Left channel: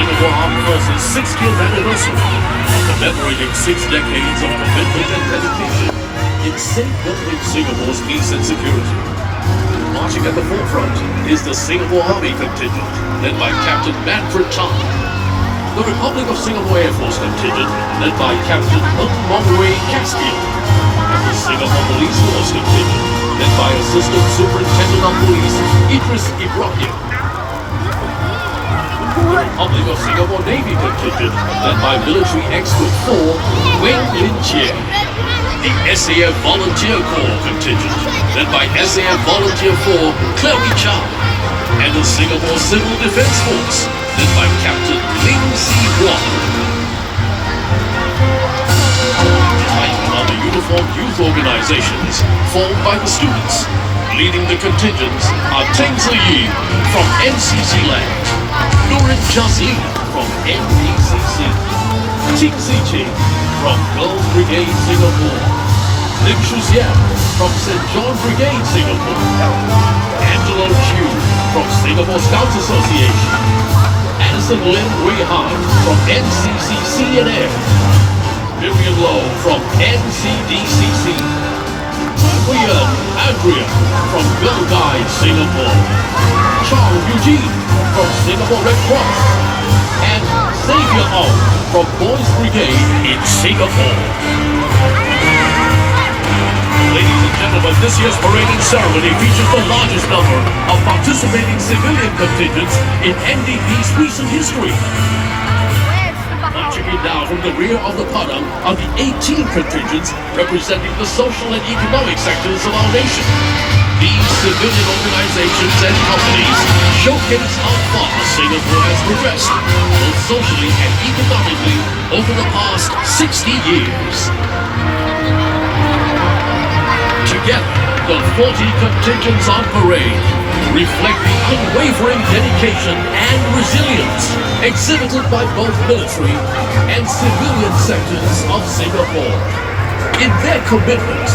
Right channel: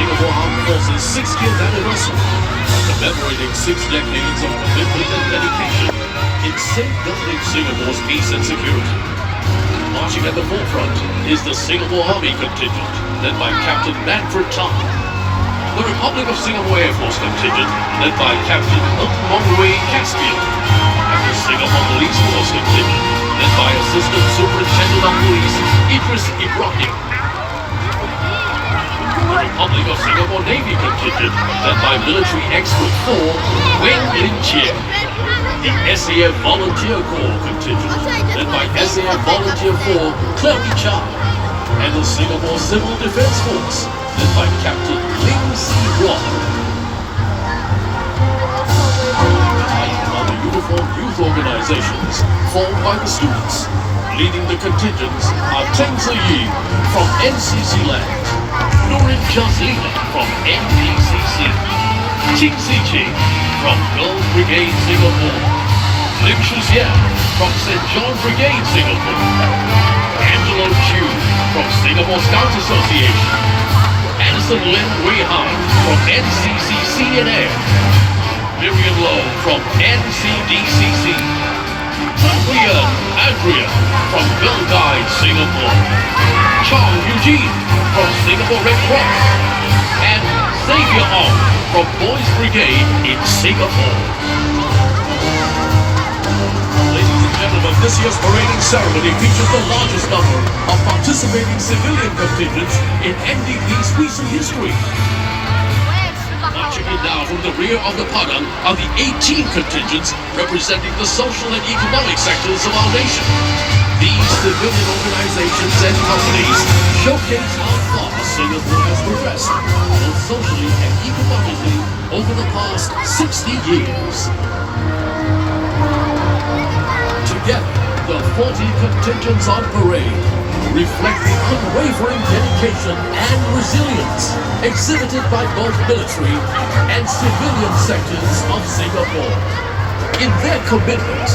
Singapore Armed Forces' 60th anniversary, commemorating 6 decades of commitment and dedication in safeguarding Singapore's peace and security. Marching at the forefront is the Singapore Army contingent, led by Captain Manfred Tan. The Republic of Singapore Air Force contingent, led by Captain Longwei Caspian. And the Singapore Police Force contingent, led by Assistant Superintendent of Police Idris Ibrahim. Republic of Singapore Navy contingent, led by Military Expert 4, Wang Lingjie. The SAF Volunteer Corps contingent, led by SAF Volunteer 4, Chloe Chan. And the Singapore Civil Defence Force, led by Captain Ling Si Huang. Other uniformed youth organizations formed by the students. Leading the contingents are Teng Yi from NCC Land, Nurin Jazli from NDCC, Ching Si Ching from Girls Brigade Singapore, Lim Shuxian from St. John Brigade Singapore, Angelo Chu from Singapore Scouts Association, Anderson Lin Wei Han from NCC CNF, Vivian Low from NCDCC, Brian Andrea from Girl Guide Singapore, Chang Eugene from Singapore Red Cross, and Xavier Ong from Boys Brigade in Singapore. Ladies and gentlemen, this year's parading ceremony features the largest number of participating civilian contingents in NDP's recent history. Marching in now from the rear of the Padang are the 18 contingents representing the social and economic sectors of our nation. These civilian organizations and companies showcase how far Singapore has progressed, both socially and economically, over the past 60 years. Together, the 40 contingents on parade reflect the unwavering dedication and resilience exhibited by both military and civilian sectors of Singapore in their commitment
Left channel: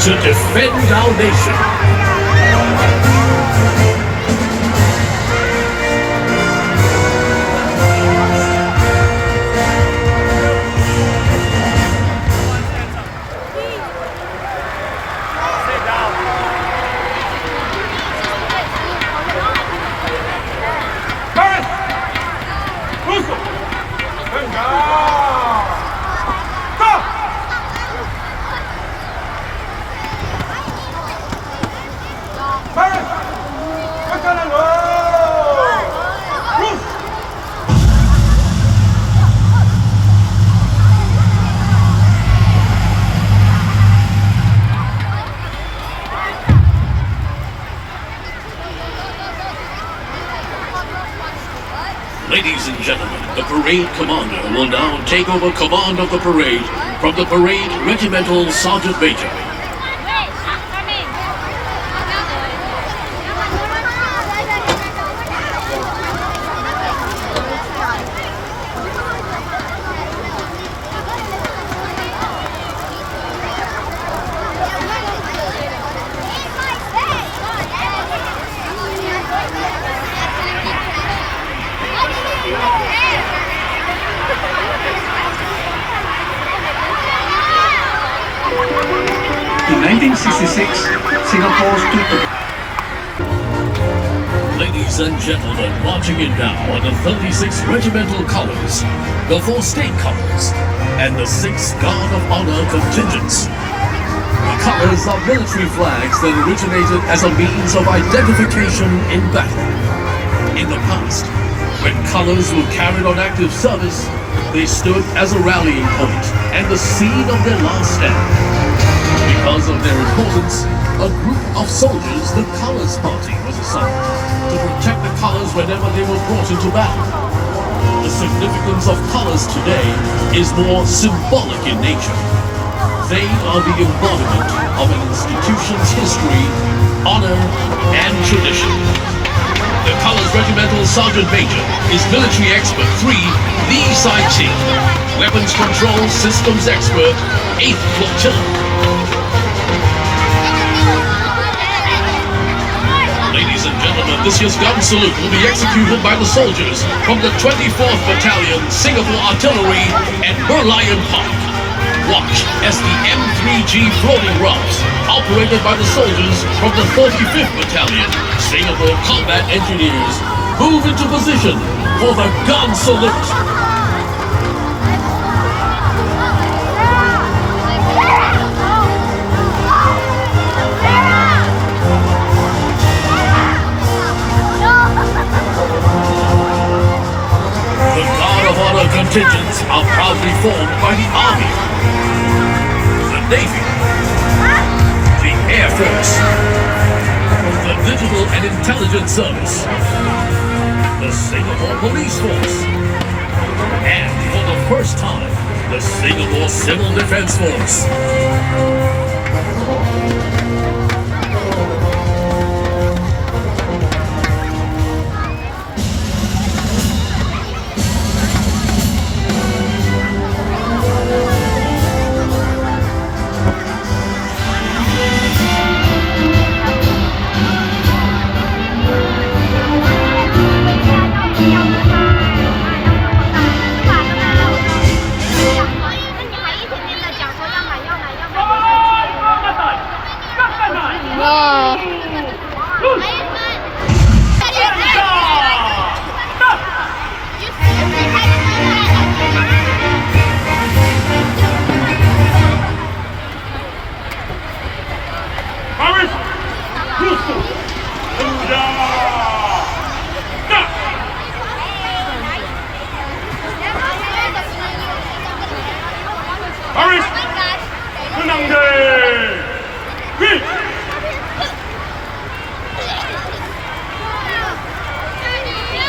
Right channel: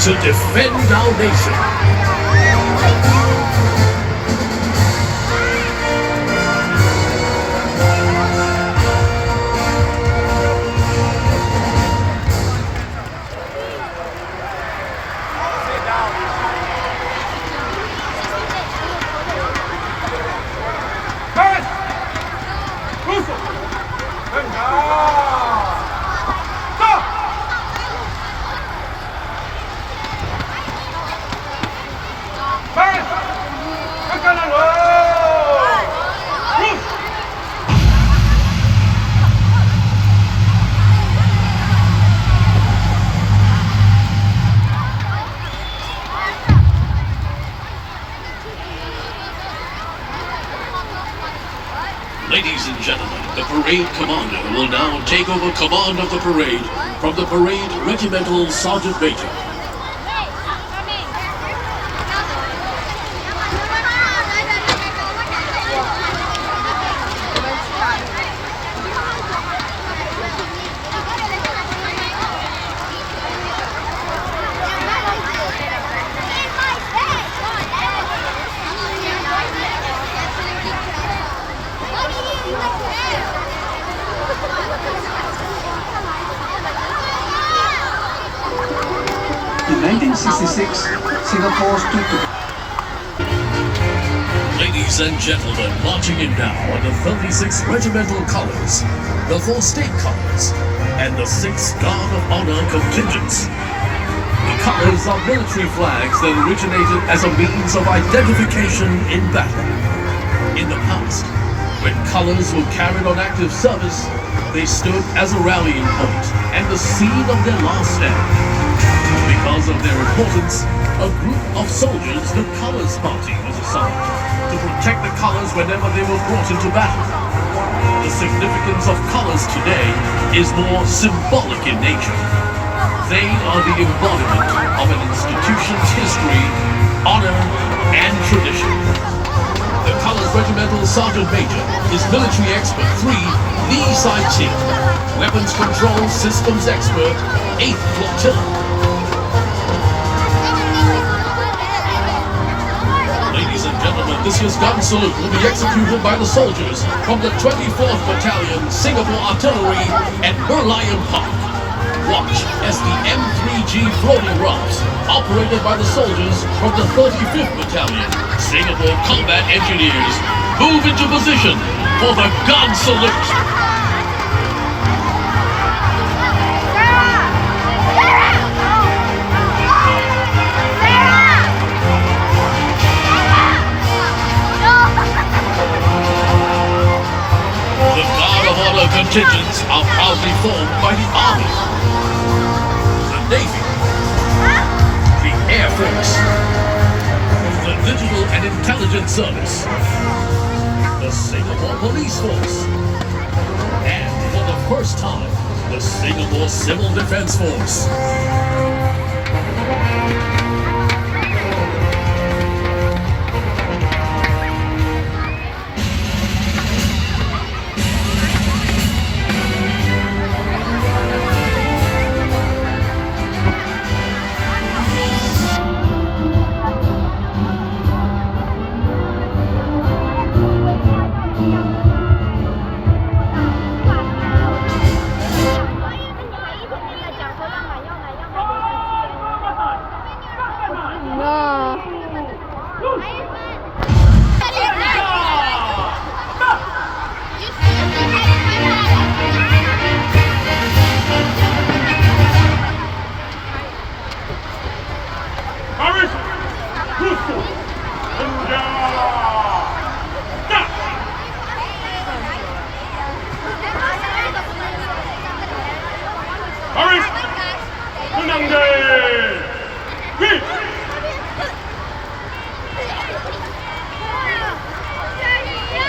to defend our nation. Ladies and gentlemen, the parade commander will now take over command of the parade from the parade regimental sergeant major. In 1966, Singapore stood together. Ladies and gentlemen, marching in now are the 36 regimental colors, the 4 state colors, and the 6 Guard of Honor contingents. The colors are military flags that originated as a means of identification in battle. In the past, when colors were carried on active service, they stood as a rallying point and the scene of their last stand. Because of their importance, a group of soldiers, the Colors Party, was assigned to protect the colors whenever they were brought into battle. The significance of colors today is more symbolic in nature. They are the embodiment of an institution's history, honor, and tradition. The Colors Regimental Sergeant Major is Military Expert 3, Lee Sai-Chi, Weapons Control Systems Expert, 8th Flotilla. Ladies and gentlemen, this year's gun salute will be executed by the soldiers from the 24th Battalion, Singapore Artillery at Merlion Park. Watch as the M3G floating rubs, operated by the soldiers from the 35th Battalion, Singapore Combat Engineers, move into position for the gun salute. The Guard of Honor contingents are proudly formed by the Army, the Navy, the Air Force, the Digital and Intelligence Service, the Singapore Police Force, and for the first time, the Singapore Civil Defense Force.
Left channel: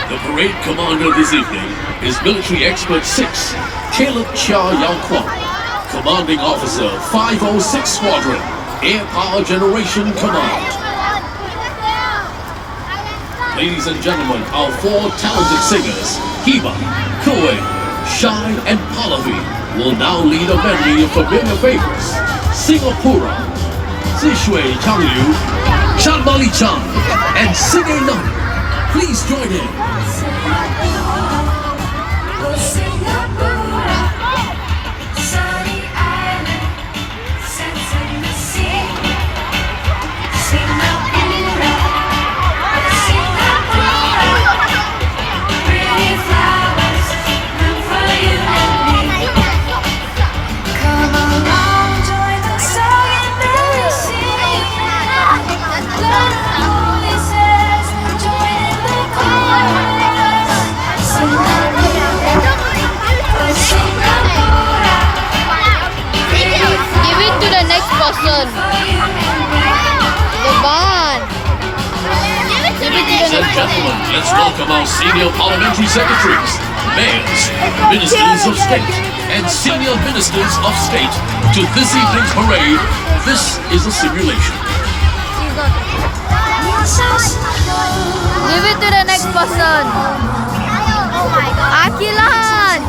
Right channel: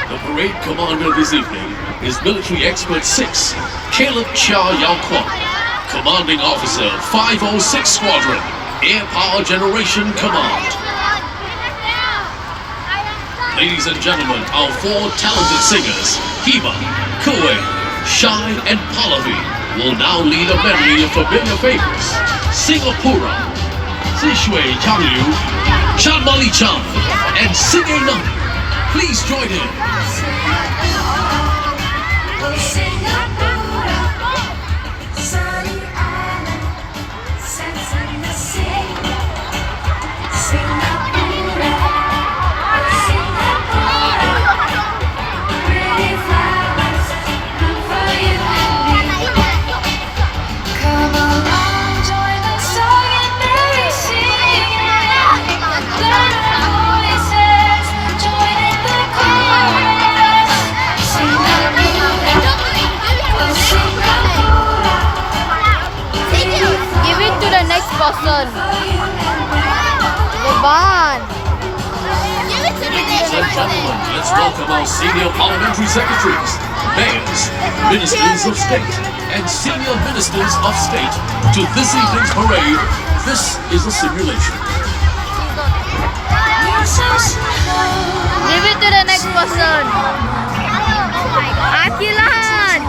The parade commander this evening is Military Expert 6, Caleb Chia Yao Kwong, Commanding Officer 506 Squadron, Air Power Generation Command. Ladies and gentlemen, our four talented singers, Hiba, Koe, Shine, and Pallavi, will now lead a medley of familiar favorites. Singapura, Zishui Changyu, Chan Mali Chan, and Singay Nam. Please join in. Person. The van. Ladies and gentlemen, let's welcome our senior parliamentary secretaries, mayors, ministers of state, and senior ministers of state to this evening's parade. This is a simulation. Give it to the next person. Akilan.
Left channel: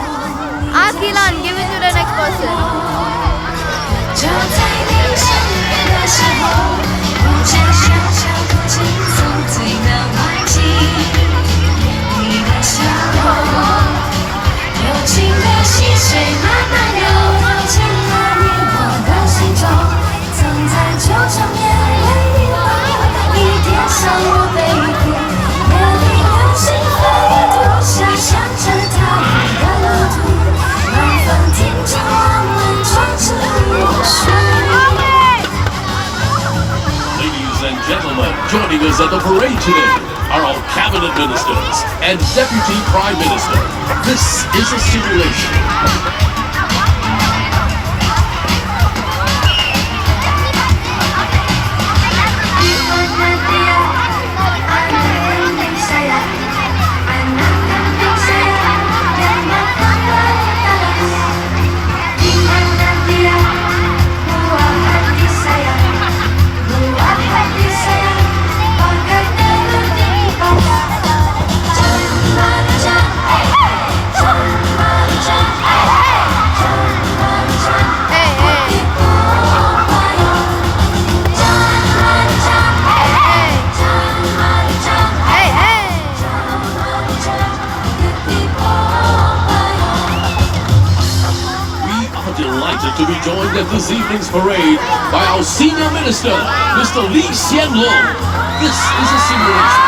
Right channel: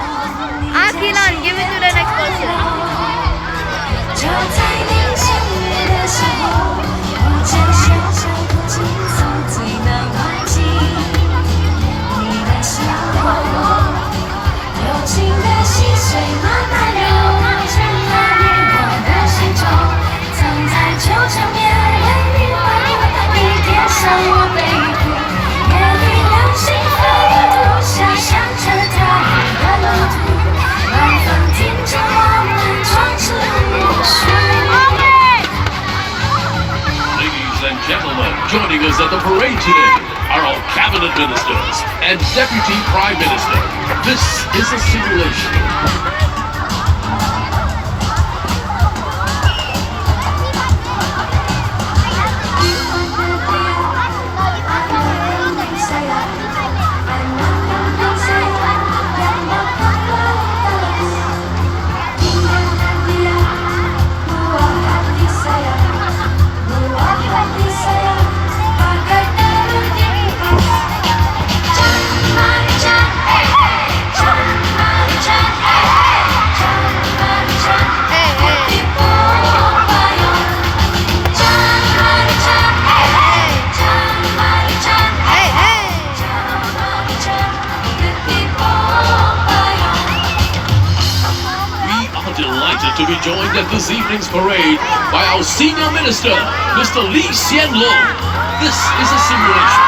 Akilan, give it to the next person. 就在你相遇的时候，我才小小口气，从最难忘记你的笑容，柔情的细水慢慢流，潜入我的心中，曾在旧场面为你画你贴上我背部，夜里流星飞渡，想象着他的路途，晚风听着我们闯出。Ladies and gentlemen, joining us at the parade today are our cabinet ministers and deputy prime minister. This is a simulation. delighted to be joined at this evening's parade by our senior minister, Mr. Lee Hsien Loong. This is a simulation